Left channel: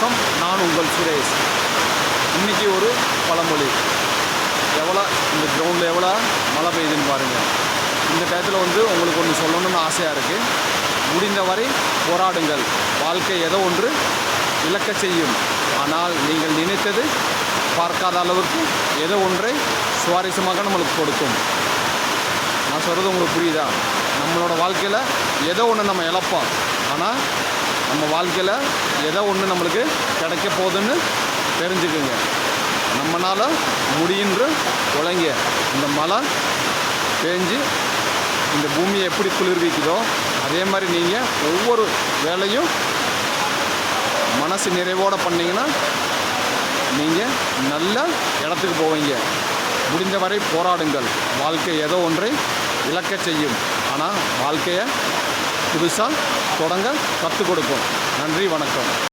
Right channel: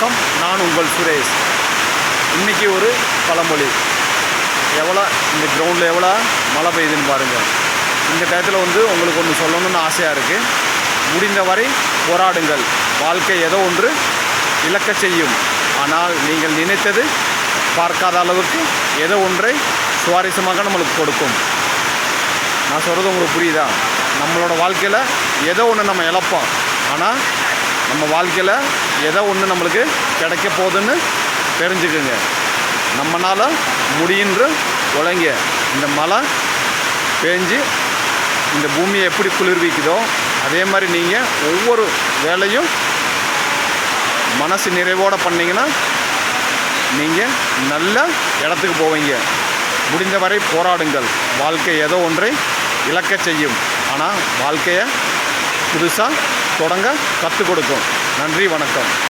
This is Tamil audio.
வணக்கம். நான் உங்கள் சுரேஷ். இன்றைக்கி ஒரு பழமொழி. எவ்வளோ இந்த கிரவுண்டில் எவ்வளோ மழை பெய்யுதுன்னு பாருங்கள். இந்த டயத்தில் உங்களுக்கு ஒன்று சொல்லணும்னு ஆசையாக இருக்குது. முடிந்தவரை போராடுங்கள். வாழ்க்கை ஏதோ ஒன்று இழக்க செய்யும். ஆனால் நீங்கள் நினைத்தது பார்க்காத அளவுக்கு ஏதோ ஒன்றை சுவாரஸ்யமாக நம்மளுக்கு கொடுக்கும். நான் சொல்கிறது உங்களுக்கு புரியுதா? நம்மளோட வாழ்க்கையில் ஏதோ ஒன்று நம்ம இழப்போம். ஆனால் நம்ம வாழ்க்கையில் ஏதோ ஒன்று நம்மளுக்கு கிடைக்க போகுதுன்னு தெரிஞ்சுக்குங்க. நம்மளால் முடியுன்ற உழைங்க. இந்த மழை பேஞ்சு இந்த பூமியை எப்படி குளிர்விக்குதோ அதே மாதிரி நீங்கள் ஒவ்வொரு வேலையும் மனசு நிறைவோடு பண்ணிங்கன்னா நீங்கள் நல்ல இடத்துக்கு போவீங்க. முடிந்தவரை போராடுங்கள். வாழ்க்கை ஏதோ ஒன்றை இழக்க செய்யும். ஆனால் வாழ்க்கையை புதுசாக தொடங்க கற்றுக் கொடுக்கும். நன்றி, வணக்கம்.